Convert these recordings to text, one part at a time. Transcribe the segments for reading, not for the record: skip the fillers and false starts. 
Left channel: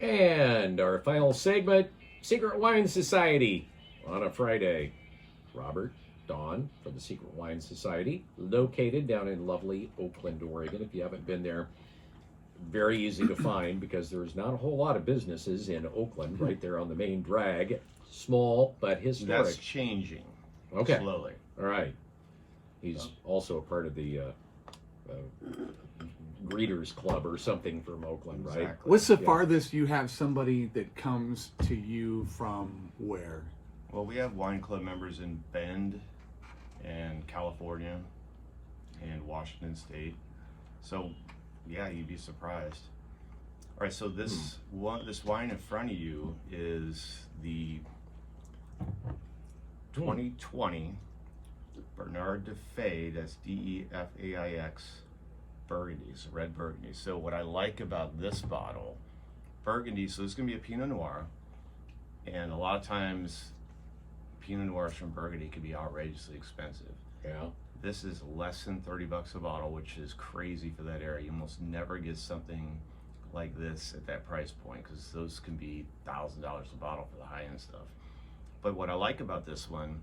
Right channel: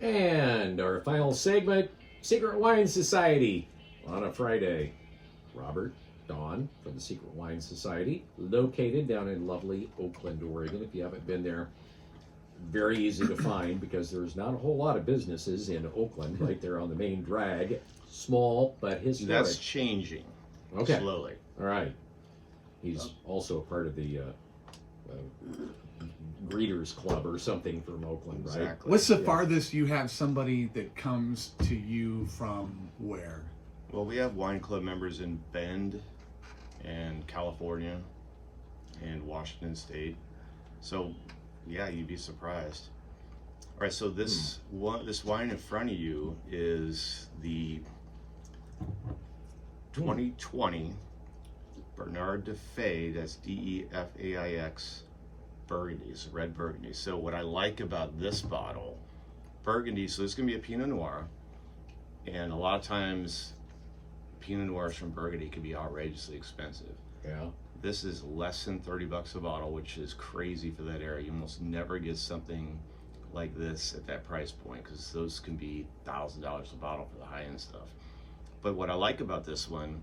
And our final segment, Secret Wine Society on a Friday. Robert, Dawn from the Secret Wine Society, located down in lovely Oakland, Oregon. If you haven't been there, very easy to find because there's not a whole lot of businesses in Oakland, right there on the main drag. Small, but historic. That's changing slowly. All right. He's also a part of the Greeters Club or something from Oakland, right? Exactly. What's the farthest you have somebody that comes to you from where? Well, we have wine club members in Bend and California and Washington State. So, yeah, you'd be surprised. All right, so this wine in front of you is the 2020 Bernard Defaix. That's Defaix Burgundy. It's red Burgundy. So what I like about this bottle, Burgundy. So this is gonna be a Pinot Noir, and a lot of times Pinot Noirs from Burgundy can be outrageously expensive. Yeah. This is less than $30 a bottle, which is crazy for that area. You almost never get something like this at that price point because those can be $1,000 a bottle for the high-end stuff. But what I like about this one,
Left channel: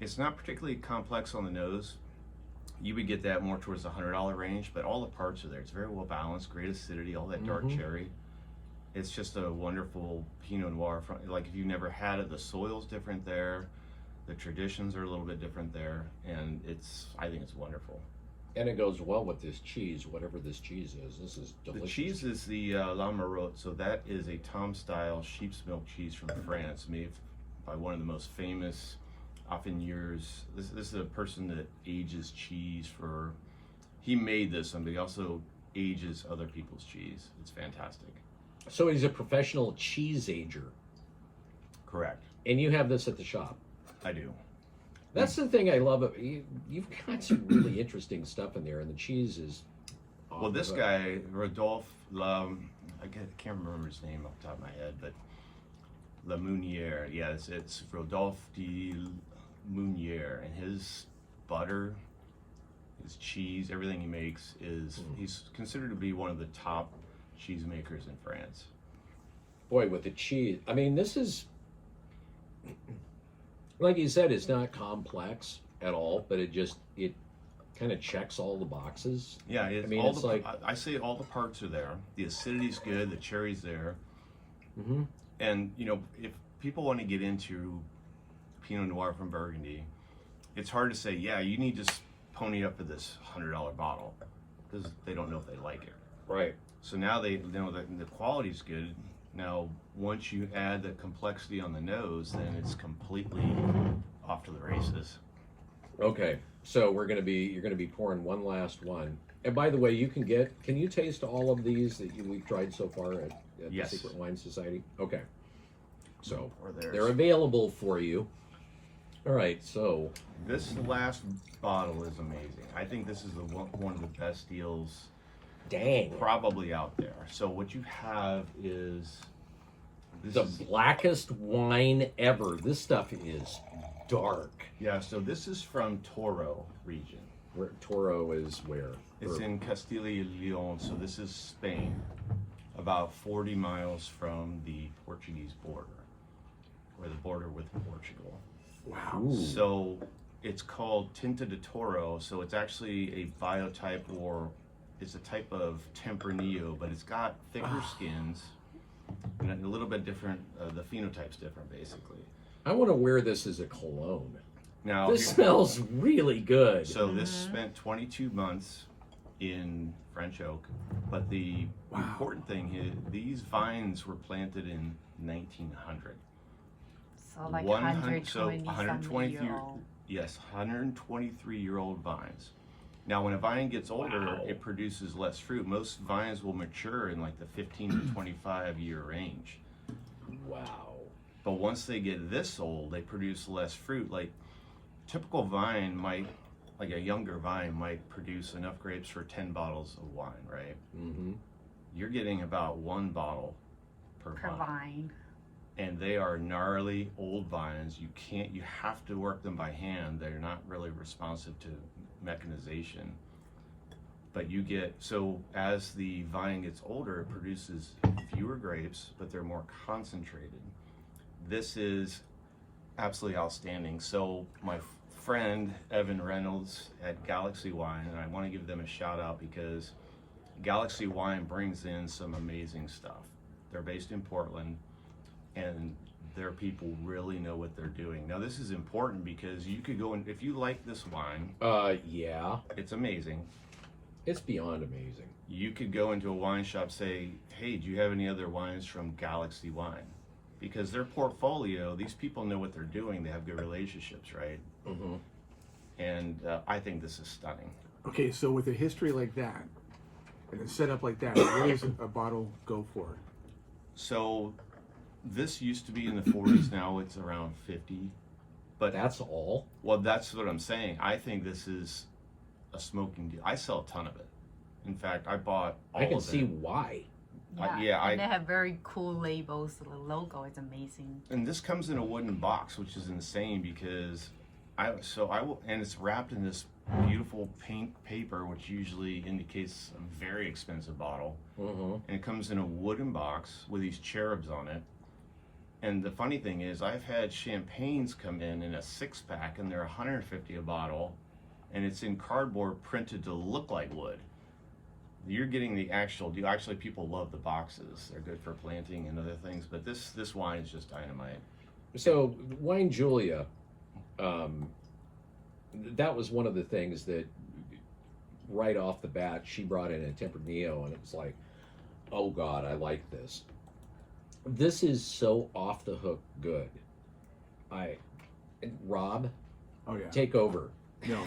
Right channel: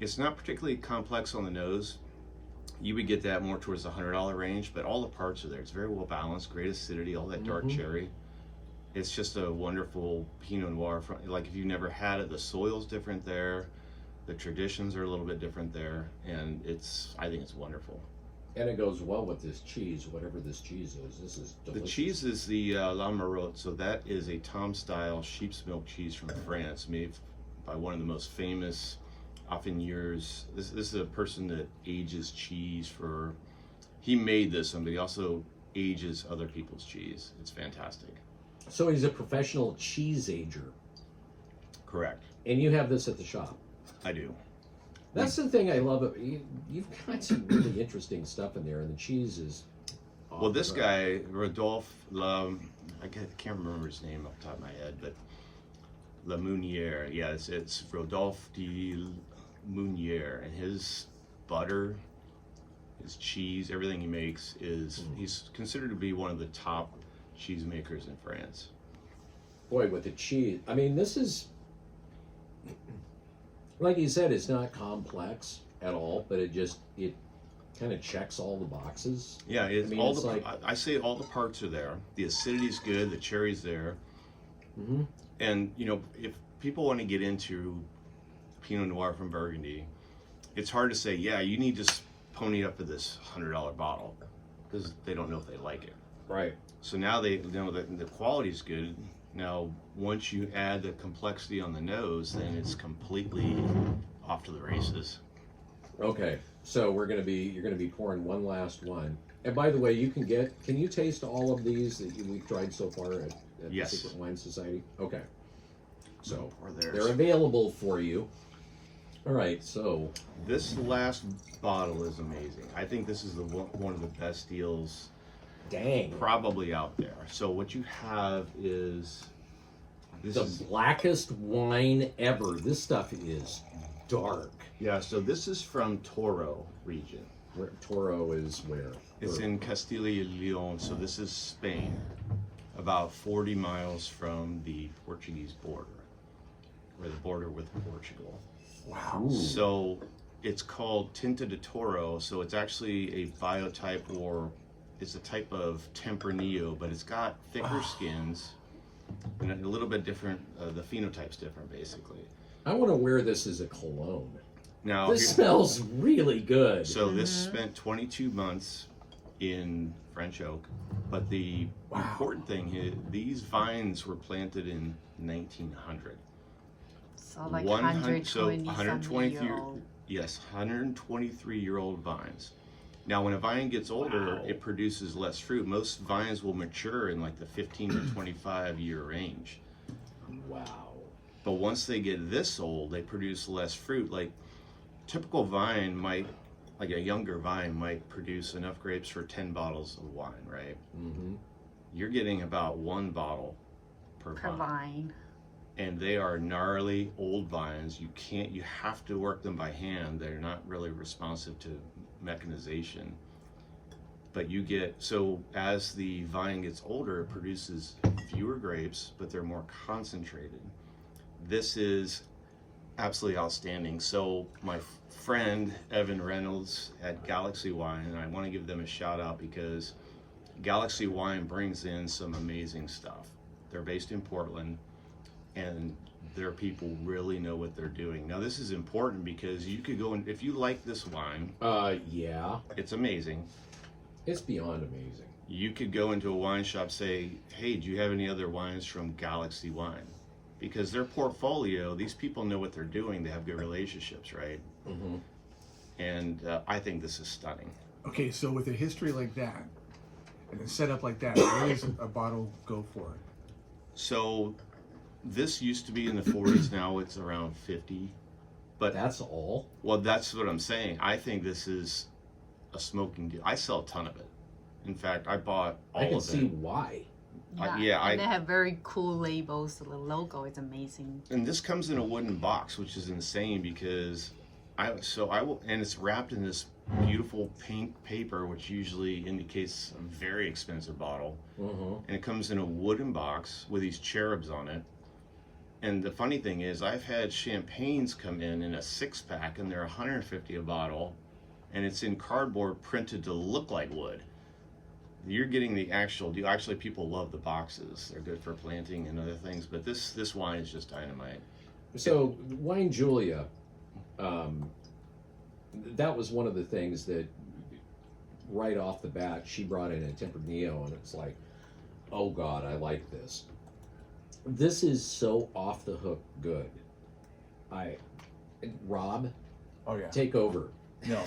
it's not particularly complex on the nose. You would get that more towards the $100 range, but all the parts are there. It's very well balanced, great acidity, all that dark cherry. It's just a wonderful Pinot Noir. Like if you've never had it, the soil's different there. The traditions are a little bit different there, and I think it's wonderful. And it goes well with this cheese, whatever this cheese is. This is delicious. The cheese is the La Marotte, so that is a Tom-style sheep's milk cheese from France, made by one of the most famous affineurs. This is a person that ages cheese for. He made this one, but he also ages other people's cheese. It's fantastic. So he's a professional cheese ager. Correct. And you have this at the shop. I do. That's the thing I love. You've got some really interesting stuff in there, and the cheese is. Well, this guy, Rodolphe, I can't remember his name off the top of my head, but La Meunière. Yeah, it's Rodolphe de Meunière, and his butter, his cheese, everything he makes he's considered to be one of the top cheesemakers in France. Boy, with the cheese, I mean, this is, like you said, it's not complex at all, but it kind of checks all the boxes. Yeah, I mean, all I say all the parts are there. The acidity's good, the cherry's there. And, if people want to get into Pinot Noir from Burgundy, it's hard to say, yeah, you need to pony up to this $100 bottle because they don't know if they like it. Right. So now they know that the quality's good. Now, once you add the complexity on the nose, then it's completely off to the races. Okay, so you're gonna be pouring one last one. And by the way, can you taste all of these that we've tried so far at Yes. the Secret Wine Society? Okay. So theirs. they're available for you. All right, so This last bottle is amazing. I think this is one of the best deals dang. probably out there. So what you have is The blackest wine ever. This stuff is dark. yeah. So this is from Toro region. Toro is where? It's in Castilla y Leon. So this is Spain, about 40 miles from the Portuguese border, or the border with Portugal. Wow. Ooh. So it's called Tinta de Toro. So it's actually a biotype, or it's a type of Tempranillo, but it's got thicker skins and a little bit different. The phenotype's different, basically. I want to wear this as a cologne. Now, This smells really good. so this spent 22 months in French oak, but the important thing is these vines were planted in 1900. So like 120 something year old. Yes, 123-year-old vines. Now, when a vine gets older, it produces less fruit. Most vines will mature in like the 15 to 25-year range. Wow. But once they get this old, they produce less fruit. Like typical vine might, like a younger vine might produce enough grapes for 10 bottles of wine, right? Mm-hmm. You're getting about 1 bottle per vine. And they are gnarly old vines. You have to work them by hand. They're not really responsive to mechanization. but you get, so as the vine gets older, it produces fewer grapes, but they're more concentrated. This is absolutely outstanding. So my friend Evan Reynolds at Galaxy Wine, and I want to give them a shout out because Galaxy Wine brings in some amazing stuff. They're based in Portland, and their people really know what they're doing. Now this is important because you could go and, if you like this wine, yeah, it's amazing. It's beyond amazing. You could go into a wine shop, say, hey, do you have any other wines from Galaxy Wine? Because their portfolio, these people know what they're doing. They have good relationships, right? Mm-hmm. And I think this is stunning. Okay, so with a history like that, and a setup like that, what does a bottle go for? So this used to be in the 40s. Now it's around 50. But that's all? Well, that's what I'm saying. I think this is a smoking deal. I sell a ton of it. In fact, I bought all of it. I can see why. And they have very cool labels. The logo is amazing. And this comes in a wooden box, which is insane because and it's wrapped in this beautiful pink paper, which usually indicates a very expensive bottle. Mm-hmm. And it comes in a wooden box with these cherubs on it. And the funny thing is, I've had champagnes come in a 6-pack, and they're $150 a bottle, and it's in cardboard printed to look like wood. You're getting the actual deal. Actually, people love the boxes. They're good for planting and other things, but this wine is just dynamite. So, Wine Julia, that was one of the things that right off the bat, she brought in a Tempranillo, and it's like, oh God, I like this. This is so off the hook good. Rob, take over. No.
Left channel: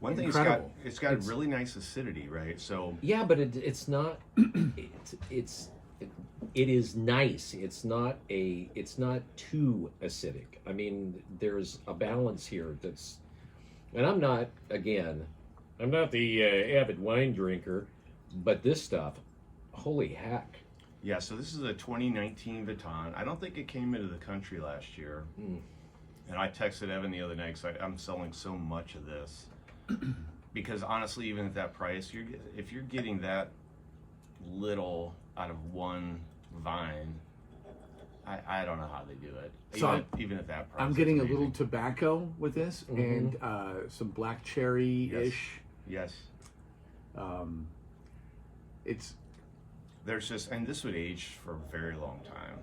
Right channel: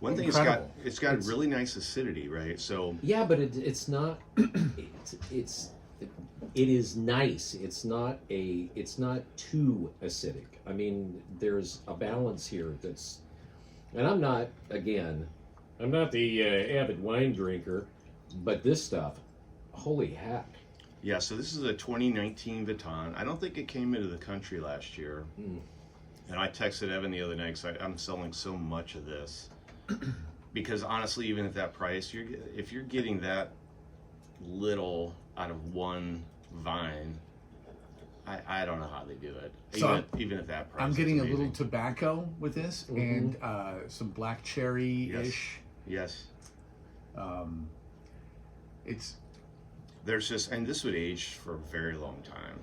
One thing, it's got a really nice acidity, right? So yeah, but it's not. It is nice. It's not too acidic. I mean, there's a balance here that's, and I'm not the avid wine drinker, but this stuff, holy heck. Yeah, so this is a 2019 Vatan. I don't think it came into the country last year. And I texted Evan the other night because I'm selling so much of this. Because honestly, even at that price, if you're getting that little out of one vine, I don't know how they do it. So even at that price. I'm getting a little tobacco with this, and some black cherry-ish. Yes. There's just, and this would age for a very long time.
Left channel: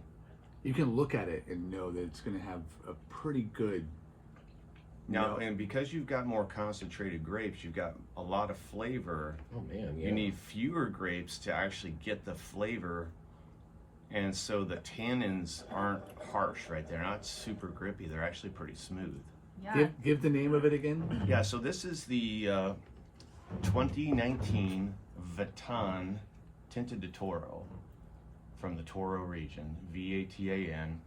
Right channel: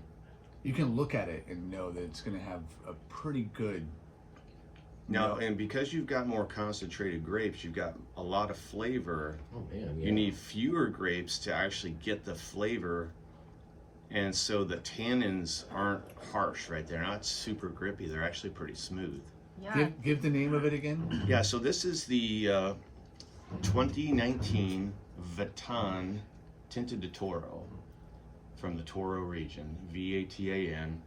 You can look at it and know that it's going to have a pretty good. Now, and because you've got more concentrated grapes, you've got a lot of flavor. Oh man, yeah. You need fewer grapes to actually get the flavor, and so the tannins aren't harsh, right? They're not super grippy. They're actually pretty smooth. Yeah. Give the name of it again. Yeah. So this is the 2019 Vatan Tinta de Toro from the Toro region, Vatan.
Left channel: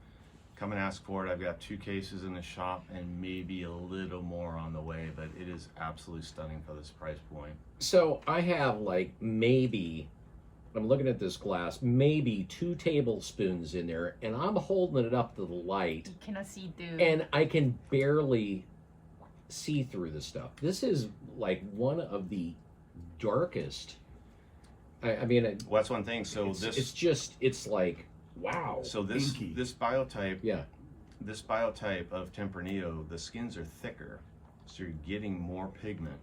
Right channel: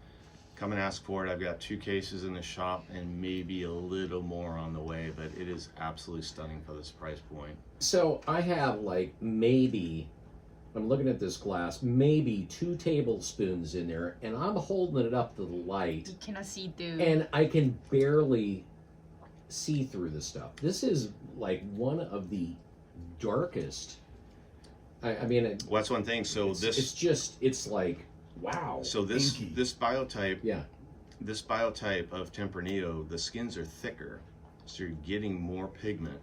Come and ask for it. I've got 2 cases in the shop and maybe a little more on the way, but it is absolutely stunning for this price point. So I have like maybe, I'm looking at this glass, maybe 2 tablespoons in there, and I'm holding it up to the light. You cannot see through. And I can barely see through the stuff. This is like one of the darkest. I mean, well, that's one thing. So it's like, wow. So this biotype, yeah, this biotype of Tempranillo, the skins are thicker, so you're getting more pigment.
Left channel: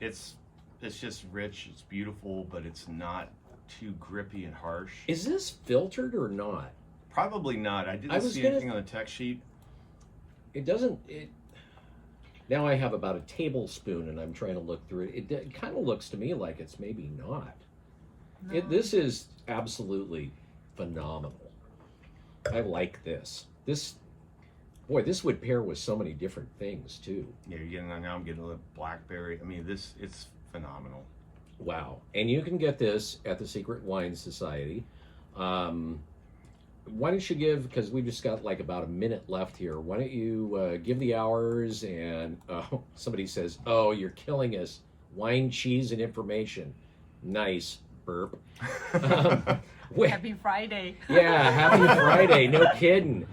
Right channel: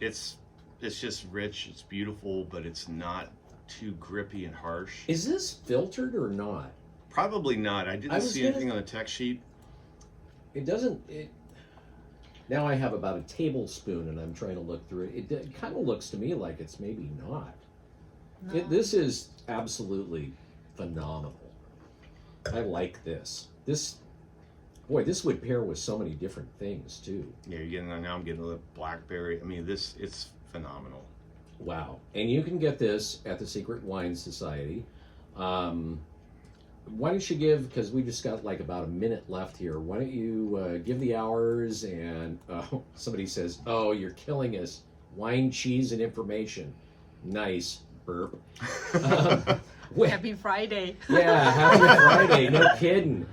It's just rich. It's beautiful, but it's not too grippy and harsh. Is this filtered or not? Probably not. I didn't see anything on the tech sheet. It doesn't. Now I have about a tablespoon, and I'm trying to look through it. It kind of looks to me like it's maybe not. No. This is absolutely phenomenal. I like this. This would pair with so many different things too. Yeah, now I'm getting a little blackberry. I mean, it's phenomenal. Wow. And you can get this at the Secret Wine Society. Why don't you give, because we just got like about a minute left here, why don't you give the hours, and somebody says, oh, you're killing us. Wine, cheese, and information. Nice. Burp. Happy Friday. Yeah, happy Friday. No kidding.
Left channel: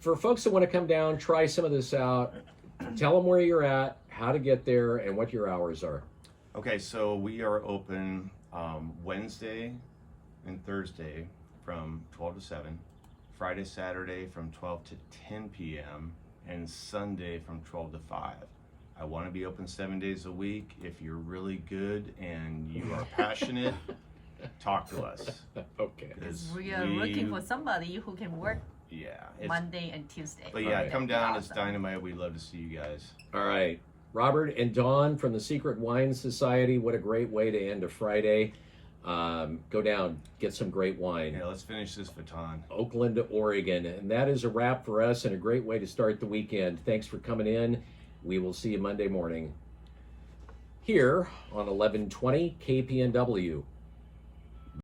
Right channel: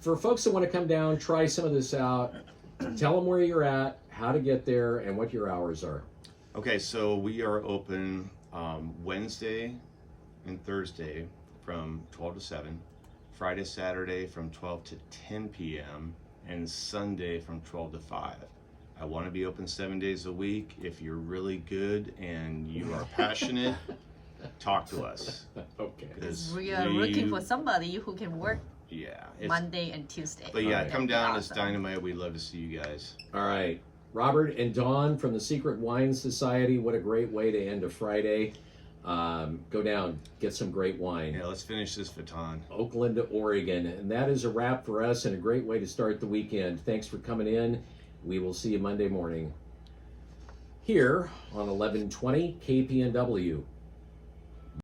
For folks that want to come down, try some of this out, tell them where you're at, how to get there and what your hours are. Okay, so we are open Wednesday and Thursday from 12 to 7, Friday, Saturday from 12 to 10 p.m., and Sunday from 12 to 5. I want to be open 7 days a week. If you're really good and you are passionate, talk to us. Okay. Because we are looking for somebody who can work Yeah. it's- Monday and Tuesday. But yeah, Alright. come That would be down. It's awesome. dynamite. We'd love to see you guys. All right. Robert and Dawn from the Secret Wine Society. What a great way to end a Friday. Go down, get some great wine. Yeah, let's finish this Vatan. Oakland, Oregon. And that is a wrap for us and a great way to start the weekend. Thanks for coming in. We will see you Monday morning here on 1120 KPNW.